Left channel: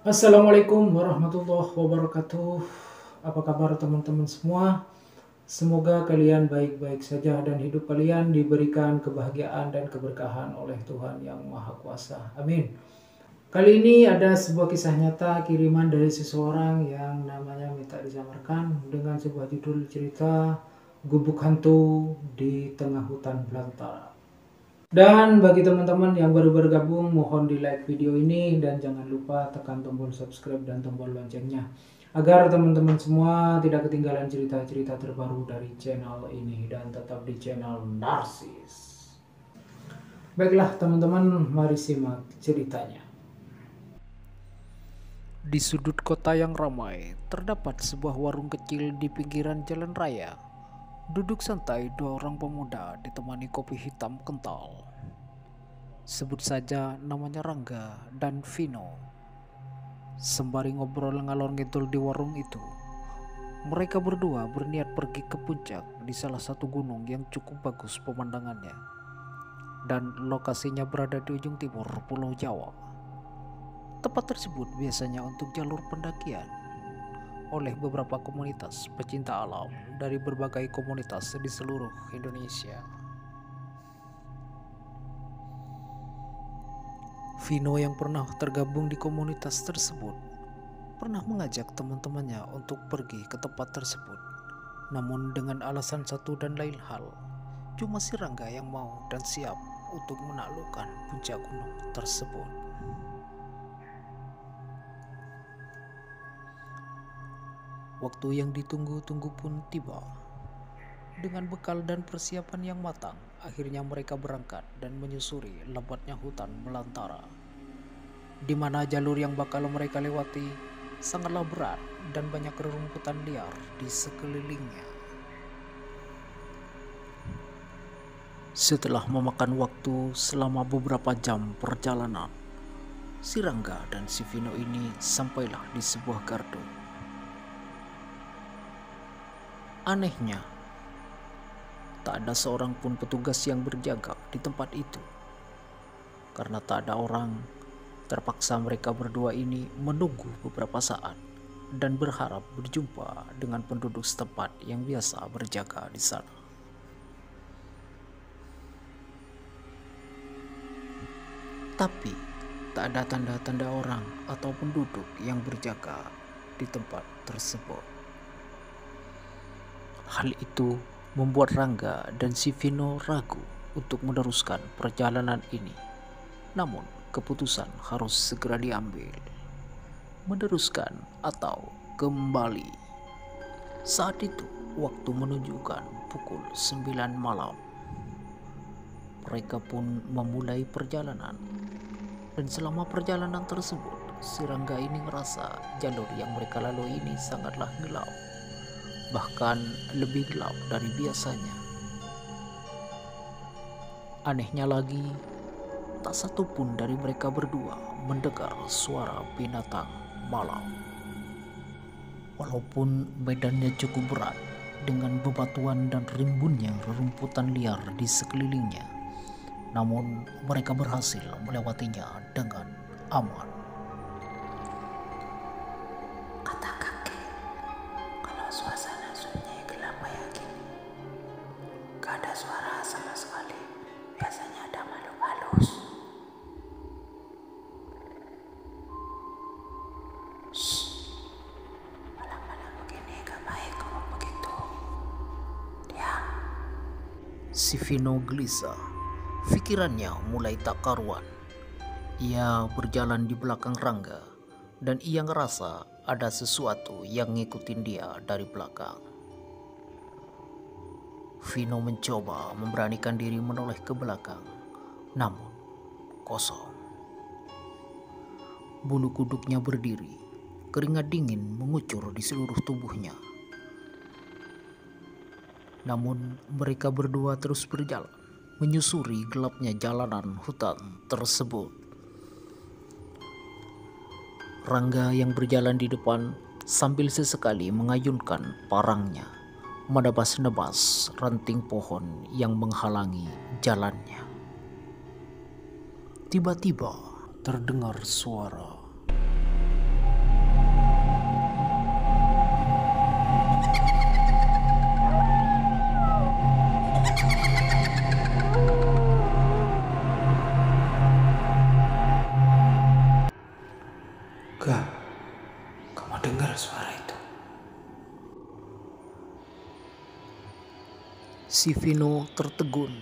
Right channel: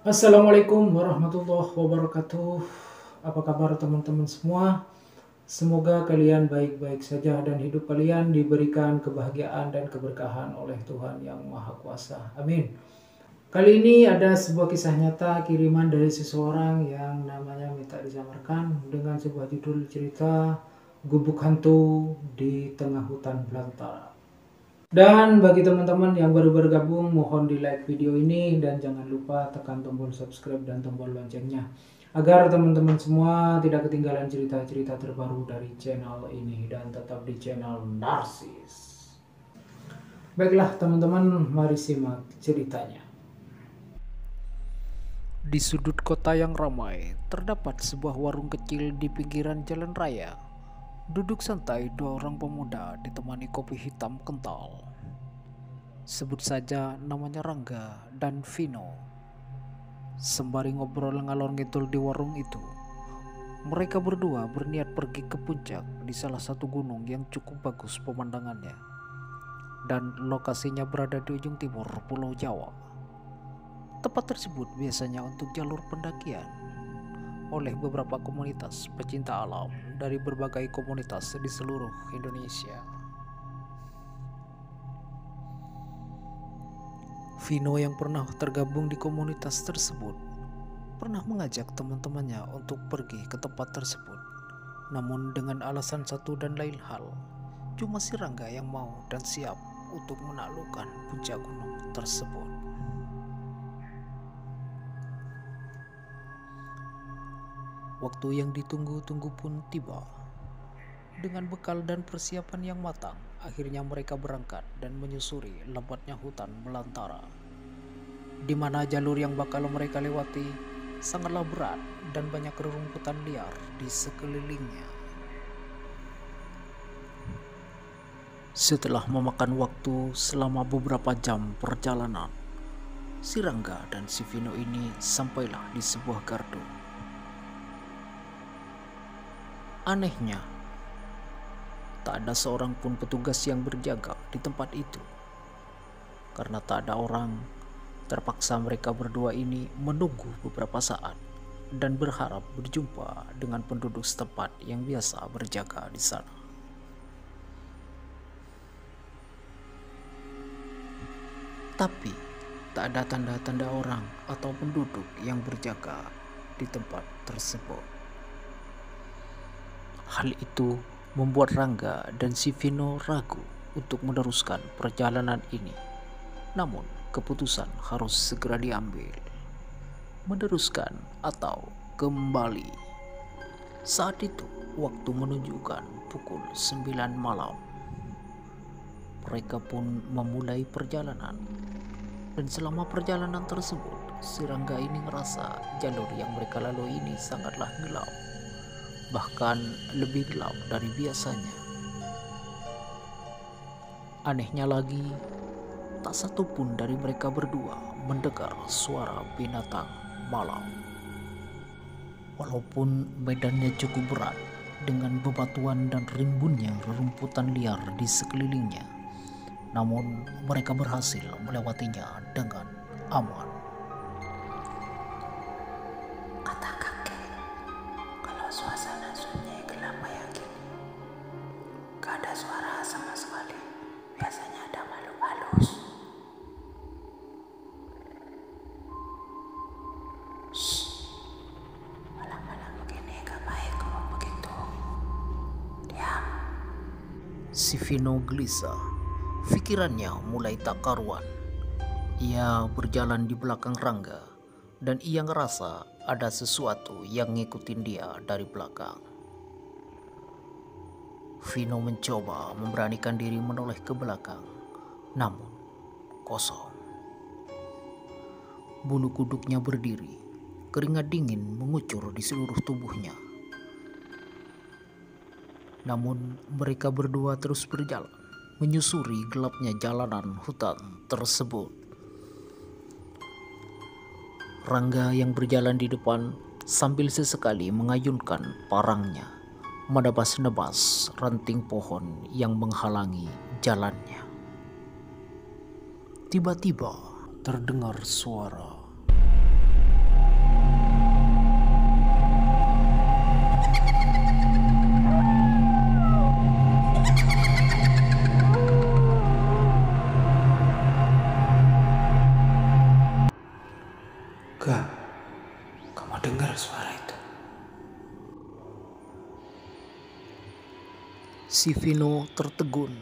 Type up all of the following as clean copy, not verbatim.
Assalamualaikum warahmatullahi wabarakatuh. Apa kabar teman-teman semua? Semoga kalian baik-baik saja dan hidup kalian diberikan kebahagiaan dan keberkahan oleh Tuhan Yang Maha Kuasa. Amin. Kali ini ada sebuah kisah nyata kiriman dari seseorang yang namanya minta disamarkan dengan sebuah judul cerita Gubuk Hantu di Tengah Hutan Belantara. Dan bagi teman-teman yang baru bergabung, mohon di like video ini dan jangan lupa tekan tombol subscribe dan tombol loncengnya agar teman-teman semua tidak ketinggalan cerita-cerita terbaru dari channel ini dan tetap di channel Narsis. Baiklah teman-teman, mari simak ceritanya. Di sudut kota yang ramai, terdapat sebuah warung kecil di pinggiran jalan raya. Duduk santai dua orang pemuda ditemani kopi hitam kental. Sebut saja namanya Rangga dan Vino. Sembari ngobrol ngalor ngidul di warung itu, mereka berdua berniat pergi ke puncak di salah satu gunung yang cukup bagus pemandangannya. Dan lokasinya berada di ujung timur Pulau Jawa. Tempat tersebut biasanya untuk jalur pendakian oleh beberapa komunitas pecinta alam dari berbagai komunitas di seluruh Indonesia. Vino yang pernah tergabung di komunitas tersebut pernah mengajak teman-temannya untuk pergi ke tempat tersebut. Namun dengan alasan satu dan lain hal, cuma si Rangga yang mau dan siap untuk menaklukkan puncak gunung tersebut. Waktu yang ditunggu-tunggu pun tiba. Dengan bekal dan persiapan yang matang, akhirnya mereka berangkat dan menyusuri lebatnya hutan belantara, di mana jalur yang bakal mereka lewati sangatlah berat dan banyak rerumputan liar di sekelilingnya. Setelah memakan waktu selama beberapa jam perjalanan, si Rangga dan si Vino ini sampailah di sebuah gardu. Anehnya, tak ada seorang pun petugas yang berjaga di tempat itu. Karena tak ada orang, terpaksa mereka berdua ini menunggu beberapa saat dan berharap berjumpa dengan penduduk setempat yang biasa berjaga di sana. Tapi tak ada tanda-tanda orang atau penduduk yang berjaga di tempat tersebut. Hal itu membuat Rangga dan si Vino ragu untuk meneruskan perjalanan ini. Namun keputusan harus segera diambil. Meneruskan atau kembali. Saat itu waktu menunjukkan pukul 9 malam. Mereka pun memulai perjalanan. Dan selama perjalanan tersebut, si Rangga ini ngerasa jalur yang mereka lalui ini sangatlah gelap. Bahkan lebih gelap dari biasanya. Anehnya lagi, tak satu pun dari mereka berdua mendengar suara binatang malam. Walaupun medannya cukup berat dengan bebatuan dan rimbunnya rerumputan liar di sekelilingnya, namun mereka berhasil melewatinya dengan aman. Kata kakek, kalau suasana sunyi gelap kayak gini, gak ada suara sama sekali. Biasanya ada makhluk halus. Shh, malam-malam begini gak baik ngomong begitu. Diam. Si Vino gelisah, pikirannya mulai tak karuan. Ia berjalan di belakang Rangga dan ia ngerasa ada sesuatu yang ngikutin dia dari belakang. Vino mencoba memberanikan diri menoleh ke belakang, namun kosong. Bulu kuduknya berdiri, keringat dingin mengucur di seluruh tubuhnya. Namun mereka berdua terus berjalan, menyusuri gelapnya jalanan hutan tersebut. Rangga yang berjalan di depan sambil sesekali mengayunkan parangnya, menebas-nebas ranting pohon yang menghalangi jalannya. Tiba-tiba terdengar suara. Kak, kamu dengar suara itu? Si Vino tertegun,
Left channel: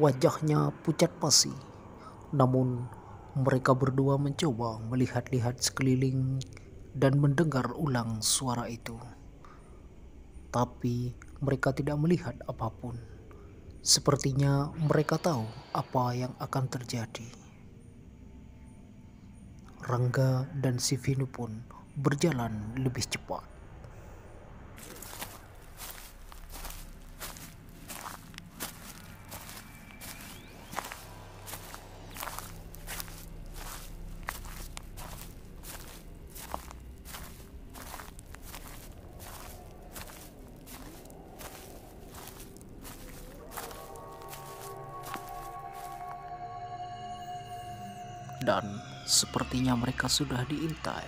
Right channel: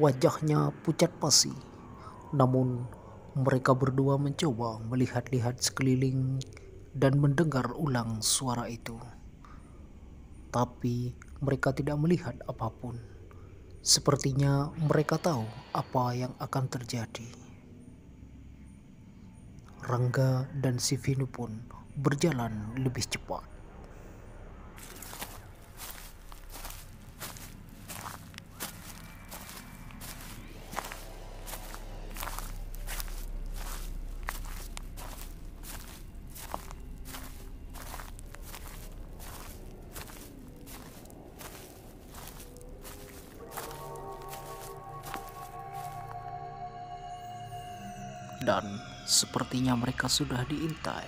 wajahnya pucat pasi. Namun mereka berdua mencoba melihat-lihat sekeliling dan mendengar ulang suara itu. Tapi mereka tidak melihat apapun. Sepertinya mereka tahu apa yang akan terjadi. Rangga dan si Vino pun berjalan lebih cepat. Dan sepertinya mereka sudah diintai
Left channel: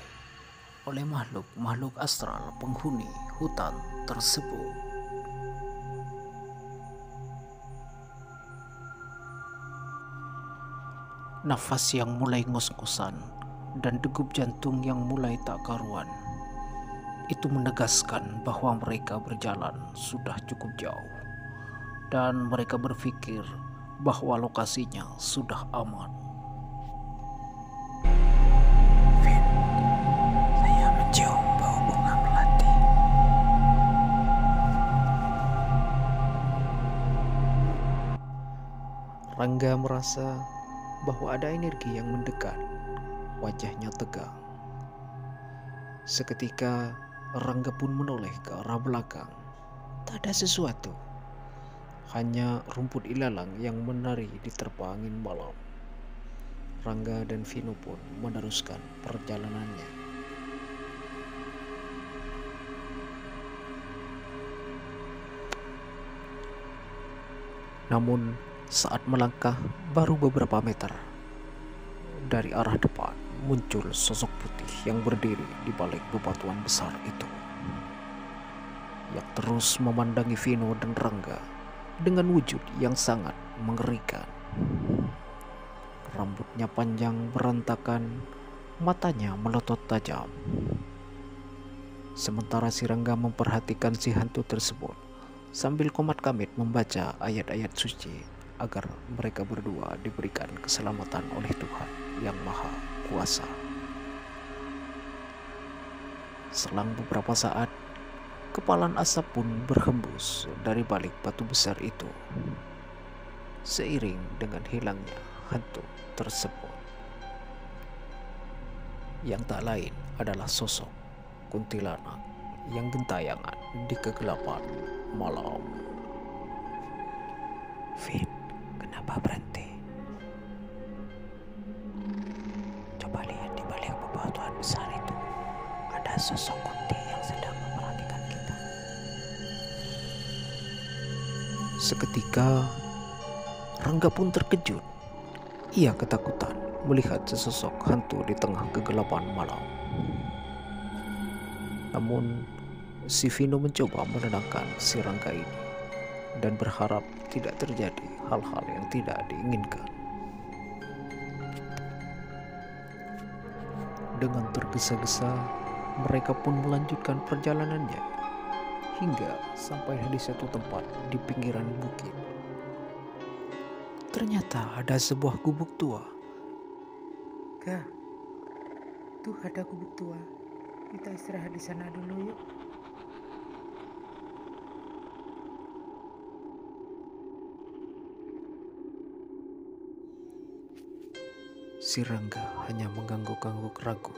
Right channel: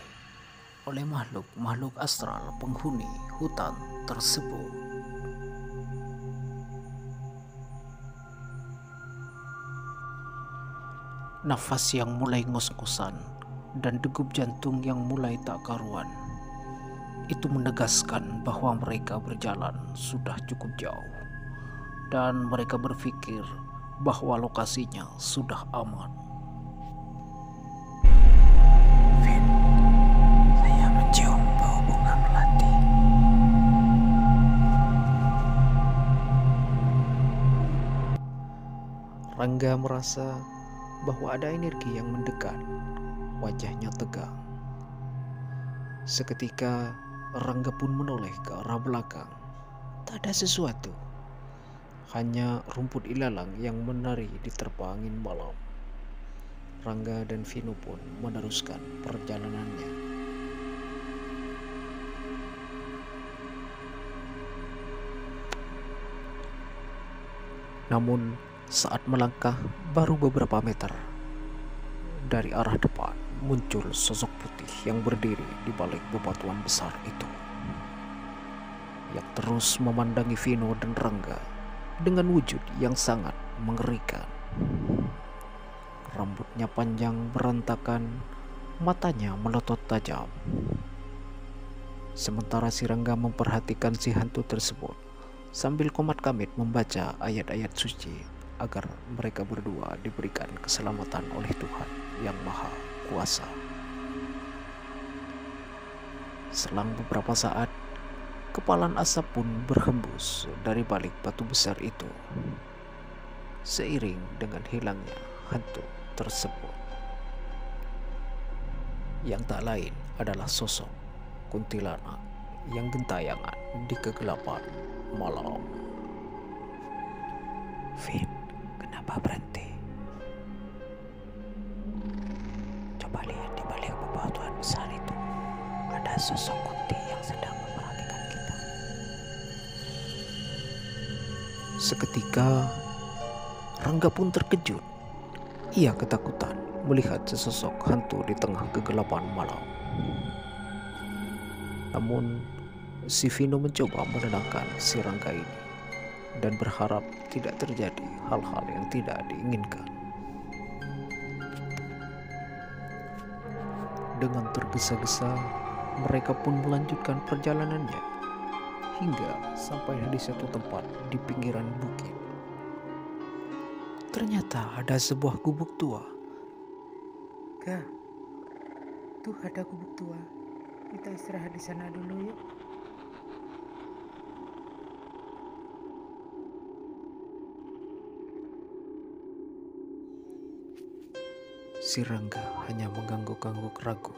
oleh makhluk-makhluk astral penghuni hutan tersebut. Nafas yang mulai ngos-ngosan dan degup jantung yang mulai tak karuan itu menegaskan bahwa mereka berjalan sudah cukup jauh dan mereka berpikir bahwa lokasinya sudah aman. Vin, saya mencium bau bunga melati. Rangga merasa bahwa ada energi yang mendekat. Wajahnya tegang. Seketika Rangga pun menoleh ke arah belakang. Tak ada sesuatu. Hanya rumput ilalang yang menari diterpa angin malam. Rangga dan Vino pun meneruskan perjalanannya. Namun saat melangkah baru beberapa meter, dari arah depan muncul sosok putih yang berdiri di balik bebatuan besar itu, yang terus memandangi Vino dan Rangga dengan wujud yang sangat mengerikan. Rambutnya panjang berantakan, matanya melotot tajam. Sementara si Rangga memperhatikan si hantu tersebut sambil komat-kamit membaca ayat-ayat suci agar mereka berdua diberikan keselamatan oleh Tuhan yang Maha Kuasa. Selang beberapa saat, kepalan asap pun berhembus dari balik batu besar itu, seiring dengan hilangnya hantu tersebut, yang tak lain adalah sosok kuntilanak yang gentayangan di kegelapan malam. Vin, kenapa berhenti? Coba lihat di balik bebatuan besar itu. Ada sosok kunti yang sedang memperhatikan kita. Seketika Rangga pun terkejut. Ia ketakutan melihat sesosok hantu di tengah kegelapan malam. Namun si Vino mencoba menenangkan si Rangga ini dan berharap tidak terjadi hal-hal yang tidak diinginkan. Dengan tergesa-gesa, mereka pun melanjutkan perjalanannya hingga sampai di satu tempat di pinggiran bukit. Ternyata ada sebuah gubuk tua. Kak, tuh ada gubuk tua. Kita istirahat di sana dulu yuk. Si Rangga hanya mengangguk-angguk ragu.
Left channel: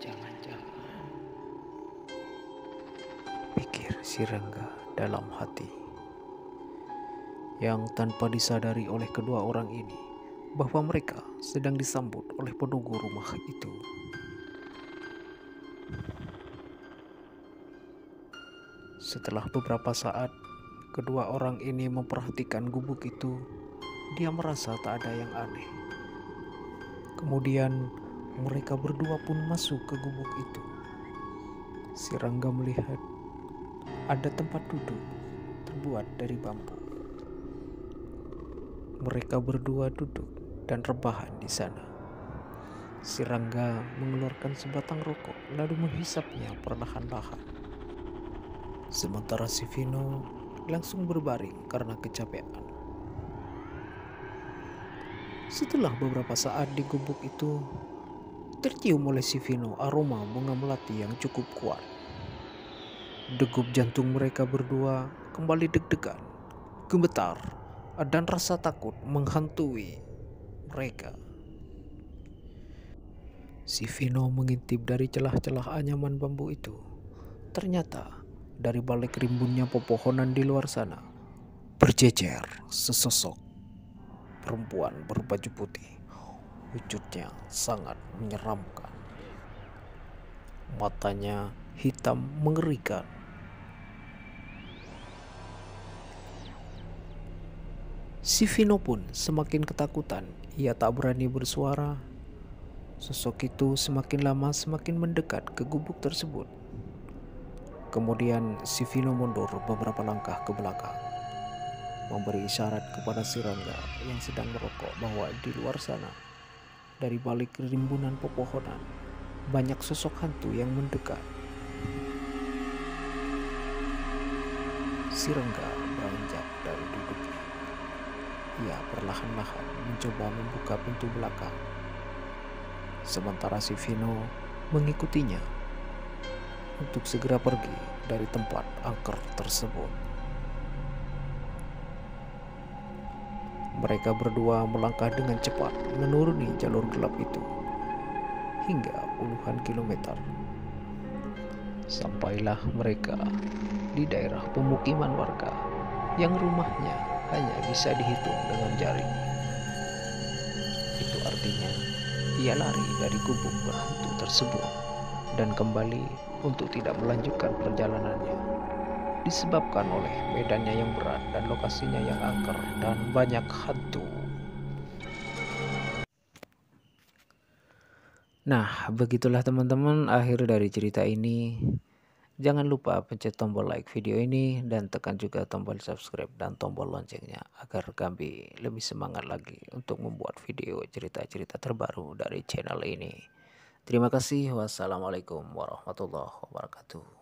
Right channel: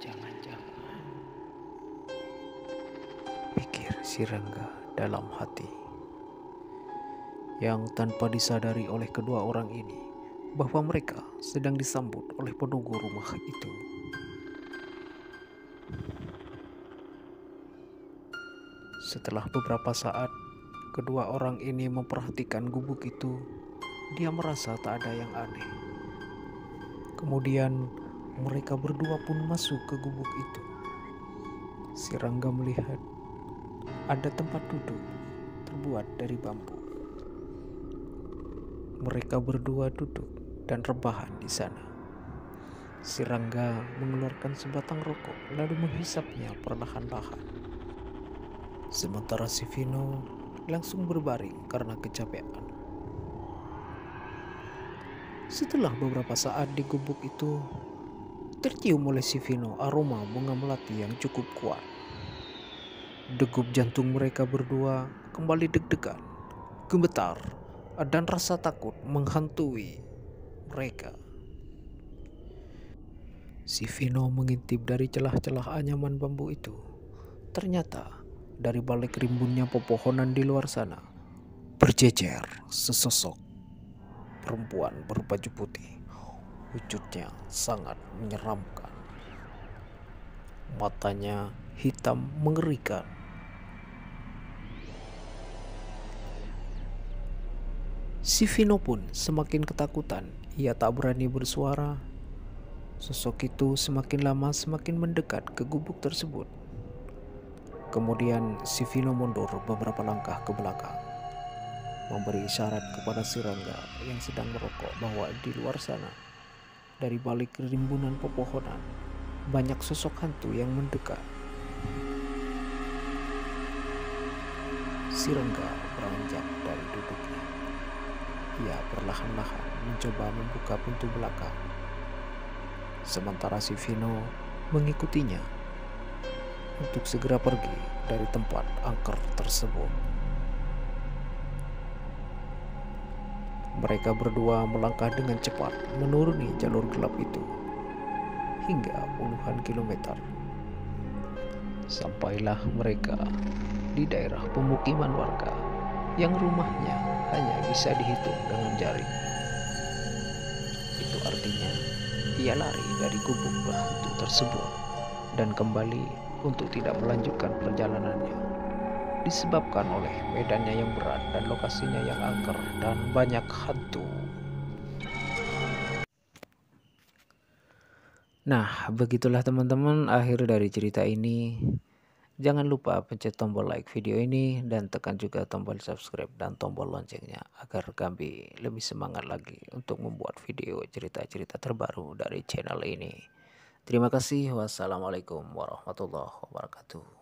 Jangan-jangan, Pikir si Rangga dalam hati, yang tanpa disadari oleh kedua orang ini bahwa mereka sedang disambut oleh penunggu rumah itu. Setelah beberapa saat, kedua orang ini memperhatikan gubuk itu. Dia merasa tak ada yang aneh. Kemudian mereka berdua pun masuk ke gubuk itu. Si Rangga melihat ada tempat duduk terbuat dari bambu. mereka berdua duduk dan rebahan di sana. Si Rangga mengeluarkan sebatang rokok lalu menghisapnya perlahan-lahan. Sementara si Vino langsung berbaring karena kecapean. Setelah beberapa saat di gubuk itu, tercium oleh si Vino aroma bunga melati yang cukup kuat. Degup jantung mereka berdua kembali deg-degan, gemetar, dan rasa takut menghantui mereka. Si Vino mengintip dari celah-celah anyaman bambu itu. Ternyata dari balik rimbunnya pepohonan di luar sana berjejer sesosok perempuan berbaju putih. Wujudnya sangat menyeramkan. Matanya hitam mengerikan. Si Vino pun semakin ketakutan. Ia tak berani bersuara. Sosok itu semakin lama semakin mendekat ke gubuk tersebut. Kemudian si Vino mundur beberapa langkah ke belakang, memberi isyarat kepada si Rangga yang sedang merokok bahwa di luar sana, dari balik rimbunan pepohonan, banyak sosok hantu yang mendekat. Si Rangga beranjak dari duduknya. Ia perlahan-lahan mencoba membuka pintu belakang. Sementara si Vino mengikutinya untuk segera pergi dari tempat angker tersebut. Mereka berdua melangkah dengan cepat menuruni jalur gelap itu hingga puluhan kilometer. Sampailah mereka di daerah pemukiman warga yang rumahnya hanya bisa dihitung dengan jari. Itu artinya ia lari dari gubuk berhantu tersebut dan kembali untuk tidak melanjutkan perjalanannya, disebabkan oleh medannya yang berat dan lokasinya yang angker dan banyak hantu. Nah, begitulah teman-teman akhir dari cerita ini. Jangan lupa pencet tombol like video ini dan tekan juga tombol subscribe dan tombol loncengnya agar kami lebih semangat lagi untuk membuat video cerita-cerita terbaru dari channel ini. Terima kasih. Wassalamualaikum warahmatullahi wabarakatuh.